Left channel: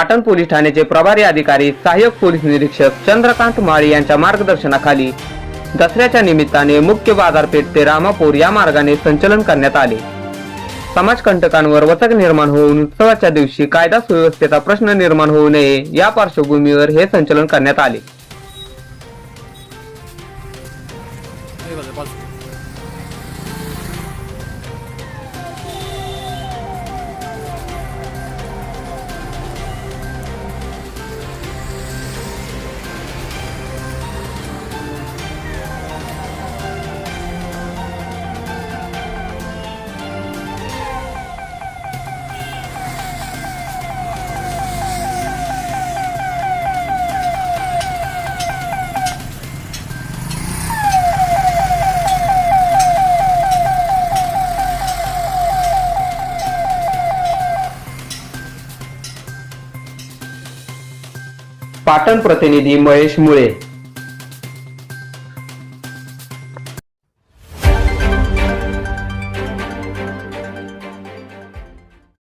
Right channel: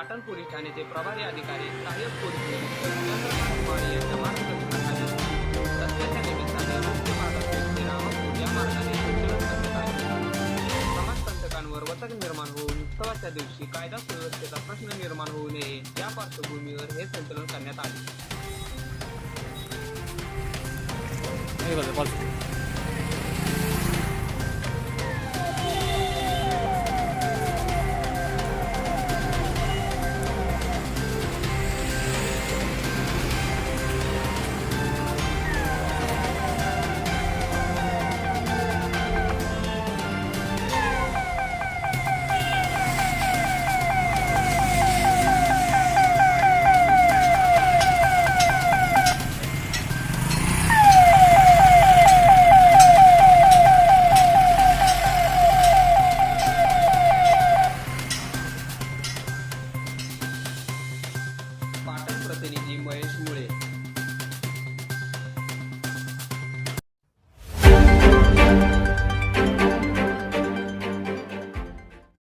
Patan police ठाण्याचे प्रभारी अधिकारी सहाय्यक पोलीस निरीक्षक चंद्रकांत माळी यांच्या मार्गदर्शनाखाली दसऱ्याच्या निमित्ताने मुख्य बाजारपेठ ते रामापूर या मार्गाने संचलन करण्यात आले। समाजकंटकांवर वचक निर्माण होऊन उत्सवाच्या दिवशी कायदा सुव्यवस्थेचा प्रश्न निर्माण होऊ नये या पार्श्वभूमीवर हे संचलन करण्यात आले। पाटण प्रतिनिधी महेश मुळे।